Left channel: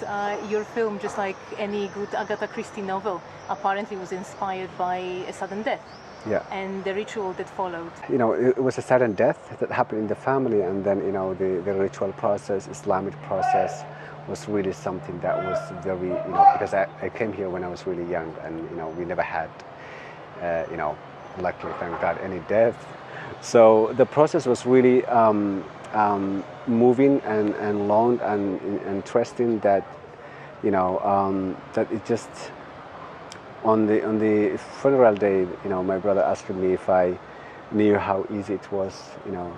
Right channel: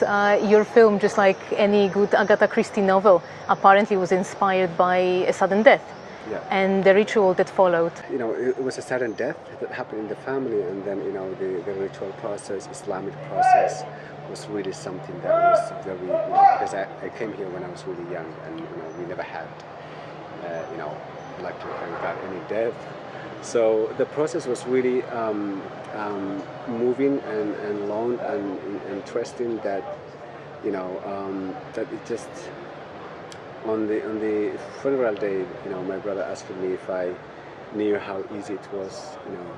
Your film, just like any good Agatha Christie novel, apparently was inspired by a sudden death. Yeah. And the ritual that followed. You know, it was a sudden death that happened in the family, and then, you know, the ritual process, Islamic process, was really something that was very, you know, because I came here when I was really young, and, you know, we never had, you know, luckily, thank God, any death. So the process was really moving and long and interesting that, you know, that it just, on the funeral day, you know, my brother asked me if I knew how easy it was, you know,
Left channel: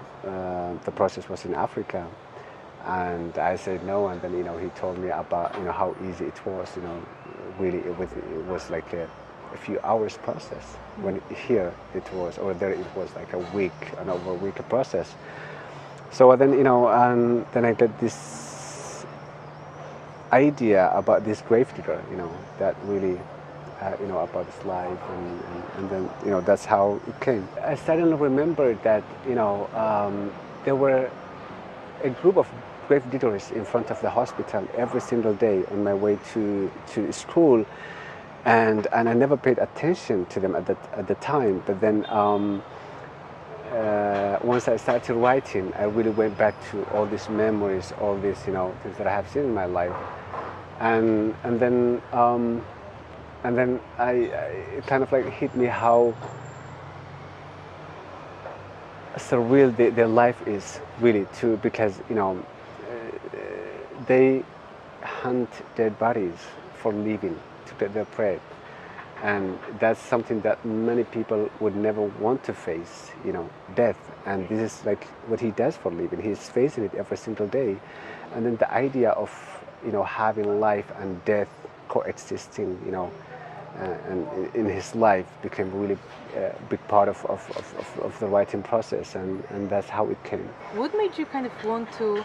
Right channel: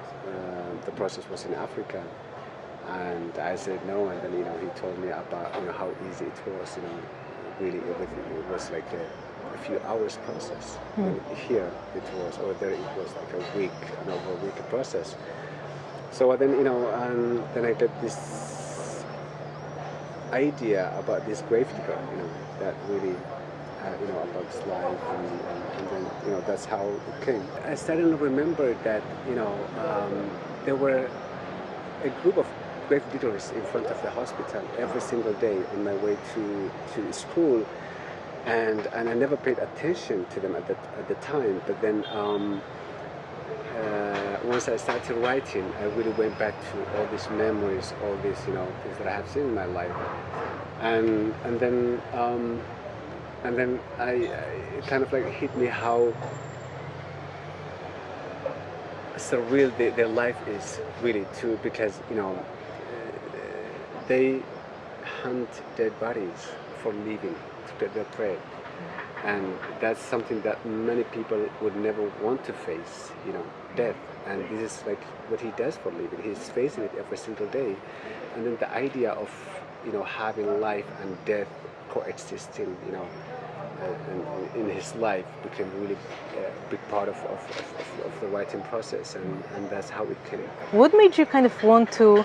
the process was in Africa. And I said no, and then, you know, he told me about, you know, how easy it was, you know, really it was like a few hours process. When here it was, or there it was like a week, an over a week process. So then, you know, and then I got this idea about this gravedigger, you know, that really, you know, about his life, and then, you know, that's how it came. I suddenly remembered that, you know, there were a group of gravediggers in front of the hospital every single day on my way to school, and I never paid attention to them at the time. But then once I started writing, I really went back to all these memories, all these, you know, things that I have seen in my life, and then it kind of like hit me how surreal their life is really too, because, you know, they hunt dead bodies for living, to get their prey, and that's something that many people would never want to face, you know, death. And this is like what he does for living. He's facing it every single day, and then the idea of, you know, having life and death coexisting, you know, and in his life became really a big part of the writing process, and that's how it came. What made you kind of want to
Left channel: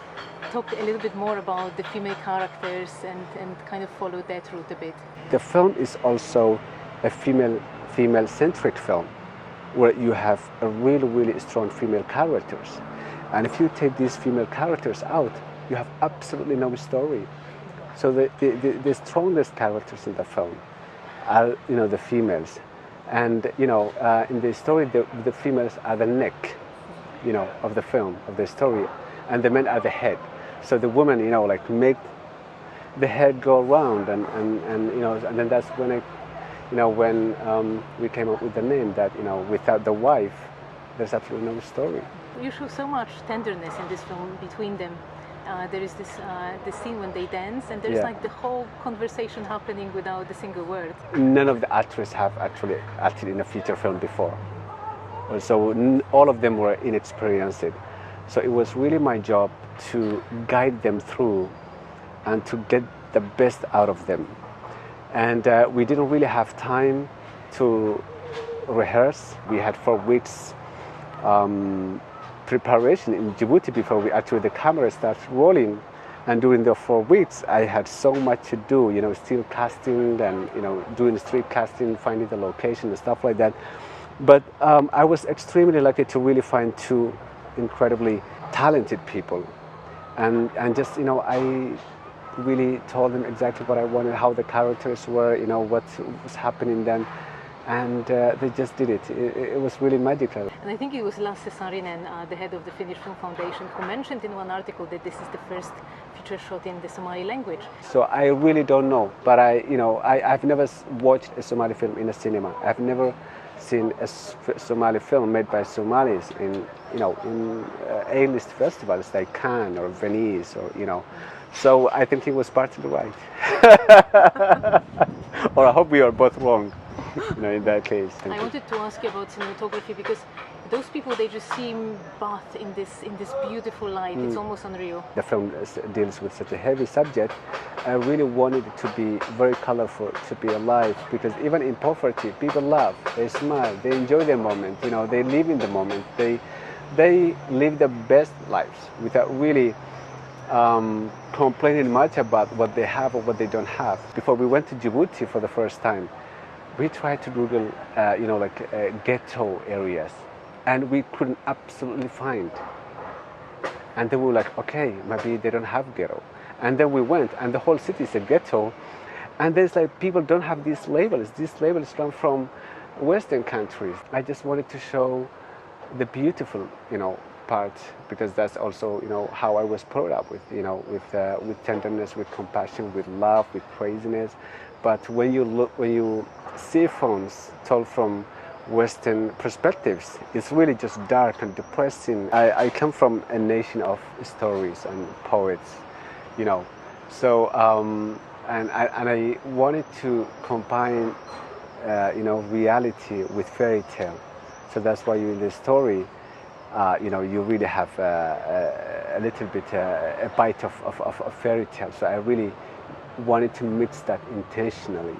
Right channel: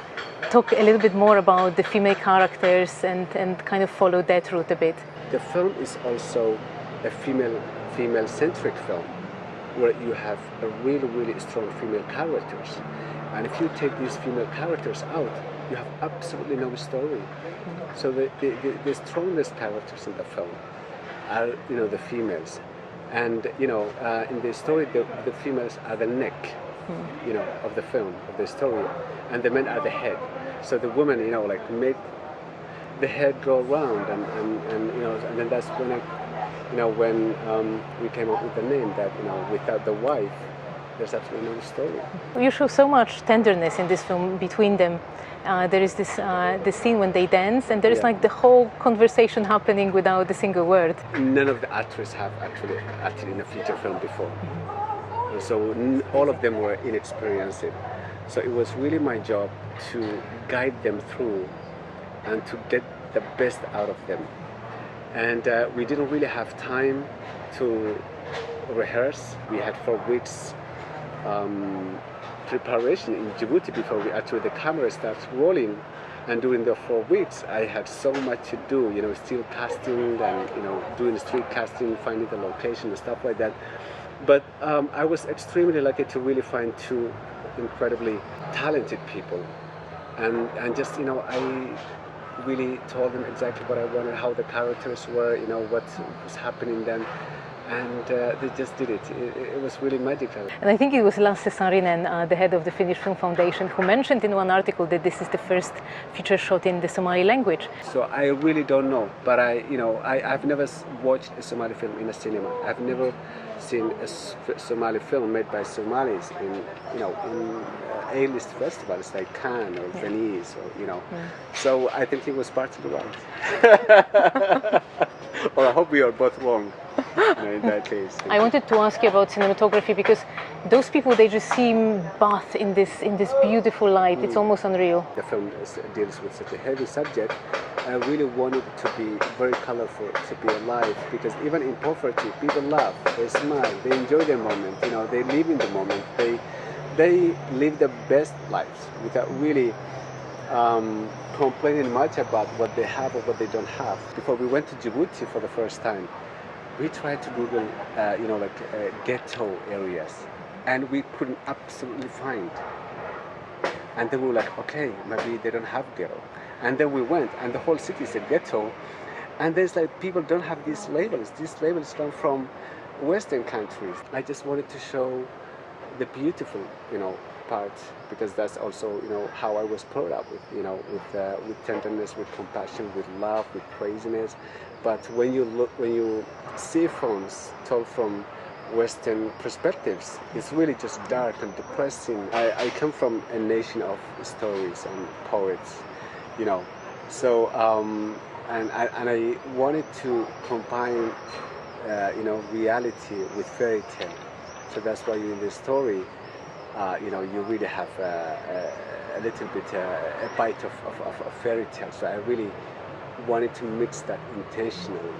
talk a little bit more about the female characters and kind of follow that route a bit? The film is also a female-centric film, where you have a really strong female characters, and if you take these female characters out, you have absolutely no story. So the strongest characters in the film are, you know, the females, and, you know, in the story the females are the neck, you know, of the film, of the story, and the men are the head. So the women, you know, like make the head go round, and you know, and then that's when when we came up with the name that, you know, without the wife there's absolutely no story. You show so much tenderness in this film between them. There is this scene when they dance, and there is like the whole conversation happening without a single word. None of the actors have actually acted in a feature film before, so all of them were inexperienced. So it was really my job to guide them through and to get the best out of them. And we didn't really have time to rehearse. We had 4 weeks preparation in Djibouti before the camera starts rolling, and during the 4 weeks I had so much to do, you know, still casting and, you know, doing street casting, finding the location and stuff like that. But I was extremely lucky to really find 2 incredibly talented people, and just, you know, I really told them exactly what I wanted, how the characters were, you know, what was happening then. And they just did it. It was really magical. And I think it was Lasse Saarinen, the head of the Finnish Film Foundation, who mentioned in one article that this is the first feature shot in the Somali language. So I really don't know, but I've never watched a Somali film in a cinema. I've never seen a Somali film made by Somalis in A-list festivals like Cannes or Venice, or, you know. So I think he was partly right. Or I hope we are both wrong. No, in that case. I wanted to ask you about cinematography, because those people, they just seem bathed in this beautiful light. It's almost unreal. The film deals with such a heavy subject. I really wanted it to be very colorful, to be alive, because even in poverty, people laugh, they smile, they enjoy the moment. You know, they live in the moment. They live the best lives without really complaining much about what they have or what they don't have. Before we went to Djibouti for the first time, we tried to Google, ghetto areas, and we couldn't absolutely find. And then we were like, okay, maybe they don't have ghetto. And then we went, and the whole city is a ghetto. And there's like, people don't have these labels. These labels come from Western countries. I just wanted to show the beautiful, part, because that's also, how I was brought up with, with tenderness, with compassion, with love, with craziness. But when you see films told from Western perspectives, it's really just dark and depressing. I come from a nation of stories and poets, so and I wanted to combine, reality with fairy tale. So that's why in the story, you really have a little bit a bite of fairy tale. So I really wanted to mix that intentionally,